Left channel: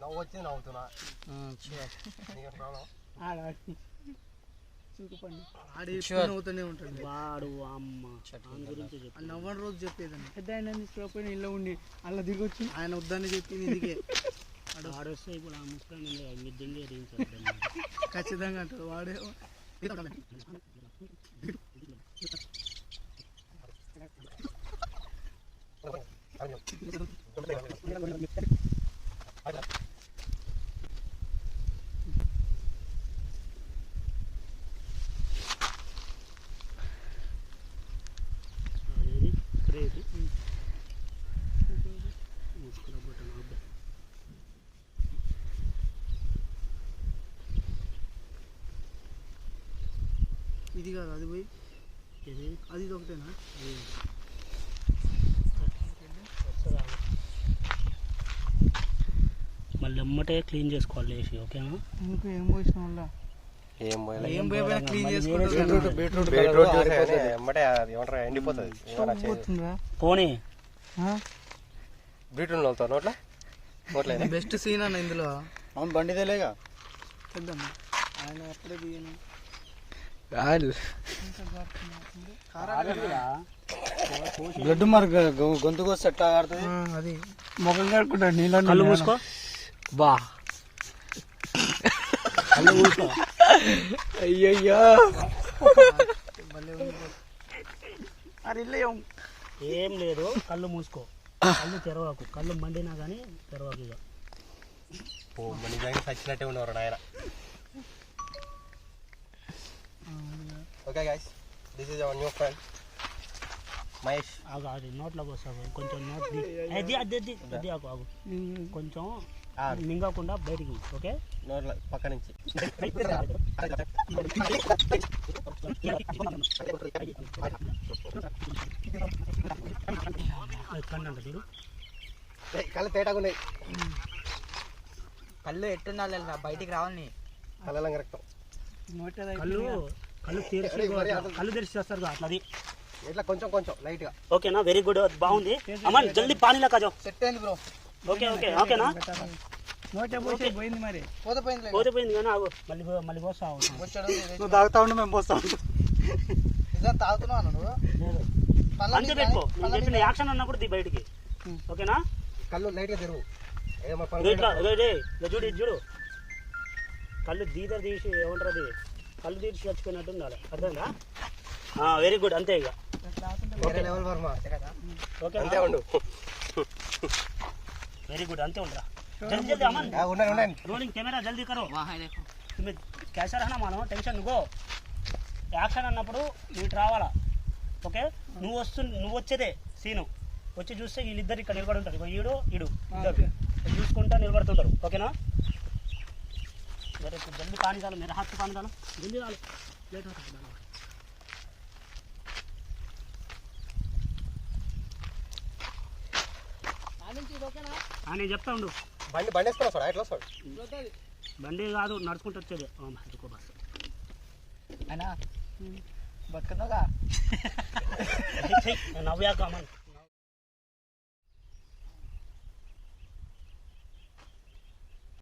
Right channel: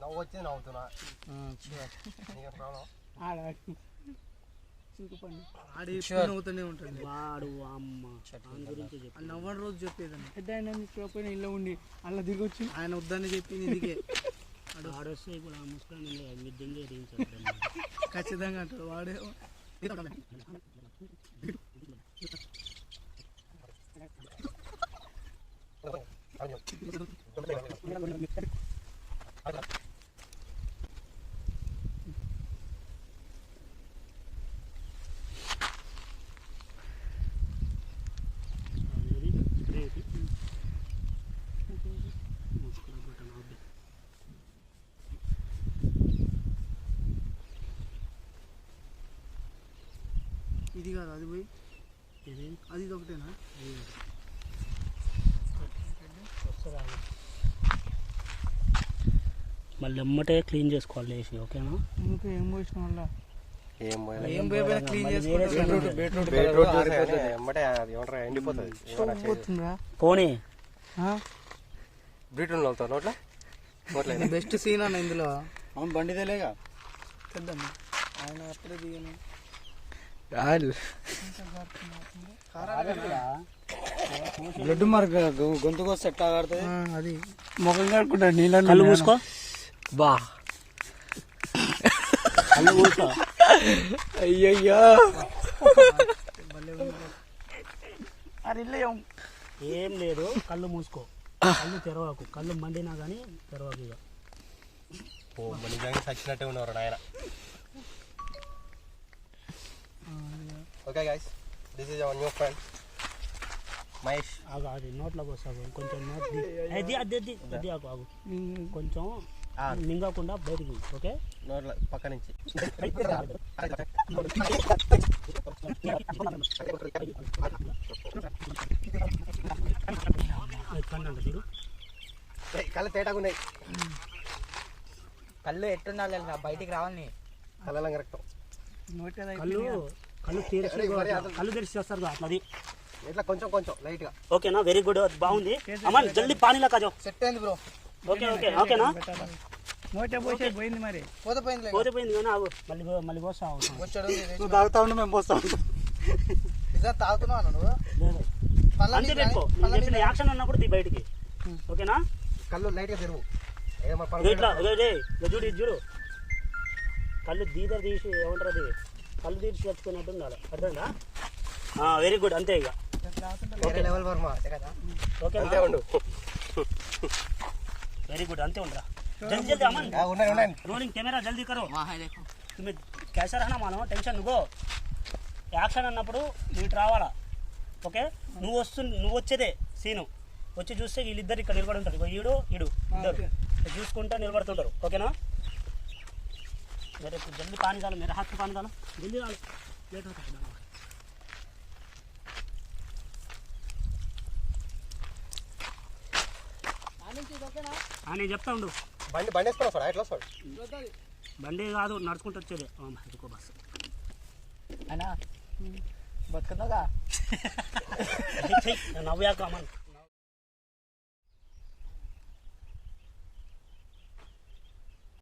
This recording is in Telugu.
నవ్వు వచ్చి నవ్వుతున్నా నవ్వుతూనే ఉంటాడు వాడు. అమ్మ గురించి నవ్వని రోజు చెప్పేదాన్ని పెద్ద ఆయన తీసుకురాకపోయినా ఇల్లు ఉండి అలా దిగొచ్చు. ఆయన వద్దని చెప్పింది ఇదిగే ఆడొస్తే ఇప్పుడు ఆ ముస్లిం ఖచ్చితంగా అంటాడు వాడే. ఇది కాదు అది పోయి అది ఇది ఒకటేనా? మళ్ళీ ఎమ్మటే క్లీన్ చేసుకోవాలి వేసి. ఓకేనా? ఇంకా ఏం పోసిన వల్ల ఏం పోయినా క్లీన్ చేసుకుంటా పోనీ బీట్రూట్ వెళ్తాను నోట్లా. బెస్ట్ సీన్ అన్న ఇందులో. బండి తెలియగా ఆయన ఎప్పుడే దిగాను. బ్లడ్ మార్క్ గొంతుకు సెట్ ఆడుతుంది. అది ముఖం కడుకుంటా నీళ్ళు మూసుకో బా. అయ్యయ్యా ఏం లేదు. కళ్ళు మూసుకో, కళ్ళు తెరవకు. కళ్ళు మండినా కానీ తెరవకు. ఇక సచ్చినట్టే ఉన్నవారు ఆయన. Okay guys, this is our new friend Mahesh. ఆగు అది నోట్లోకి వస్తావు కొంచెం. నోట్ అది ఆగు ఆగు కొంచెం మింగకుండా బయటికి. ఓకే నోట్ల పక్క నుంచి చూడు. కళ్ళు తేటాగా ఉన్నాయి. కళ్ళు ఎట్టున్నా బయటికి రావాలని. కళ్ళ కరెక్ట్. కళ్ళు కళ్ళు తెరిచి చేస్తారు అట్లది. ఇట్లా కొంచెం కొంచెం లైట్ గా. ఓకేనా? వెరీ గుడ్, బాగుంది. అమ్మ జల్దీ పానీలా కాజో. సెట్ అయింది బ్రో. ఓకే ఓకే ఓకేనా? పోయింది మరి. పోతే పోయింది కానీ ఆగు మళ్ళీ పోస్తా. నువ్వు తాగుతా ఉండు, మేము పోస్తా ఉంటాం. తాగుతున్నాను నువ్వు. అంతే పెట్టుకో. నేను చెప్పిన యాక్షన్ అన్నప్పుడు ది బయటికి. ఓకేనా? కళ్ళు లైట్ గా తెరువు. చూడు చూడు కళ్ళు దీదర్ తీసి ఏమంటారు అది కళ్ళు తీసి చచ్చిపోయినట్టు ఉండాలి. అర్థంగా? Very good. అంతే ఇక. అంతే ఉండు. Very good. అంతే ఉండరా. रोलिंग कैमरा जल्दी करो. तुम्हें कैसा रहना मानो टेंशन నువ్వు యాక్షన్ అన్నప్పుడు నువ్వు ఇటు రావాలా. ఓకే? నువ్వు వచ్చేదే సీను. వచ్చి చూస్తే వీళ్ళిద్దరు ఇక్కడ నిలబడి ఉంటారు. ఈడు ఇడు ఇద్దరు చూసుకుంటా నిలబడుతుంటారు. ఓకేనా? मेरे को जल्दी पानी डालो. मेरे हाथ से पानी डालो. जल्दी डालो. लेट होता है. నేను చెప్తా ఉండు. బండి వేసుకున్నా సార్. ఎట్లా సార్? బండి కాదు, నడుచుకుంటూ వచ్చేది. బస్సు అయినా బతుకుతాగా నవ్వాక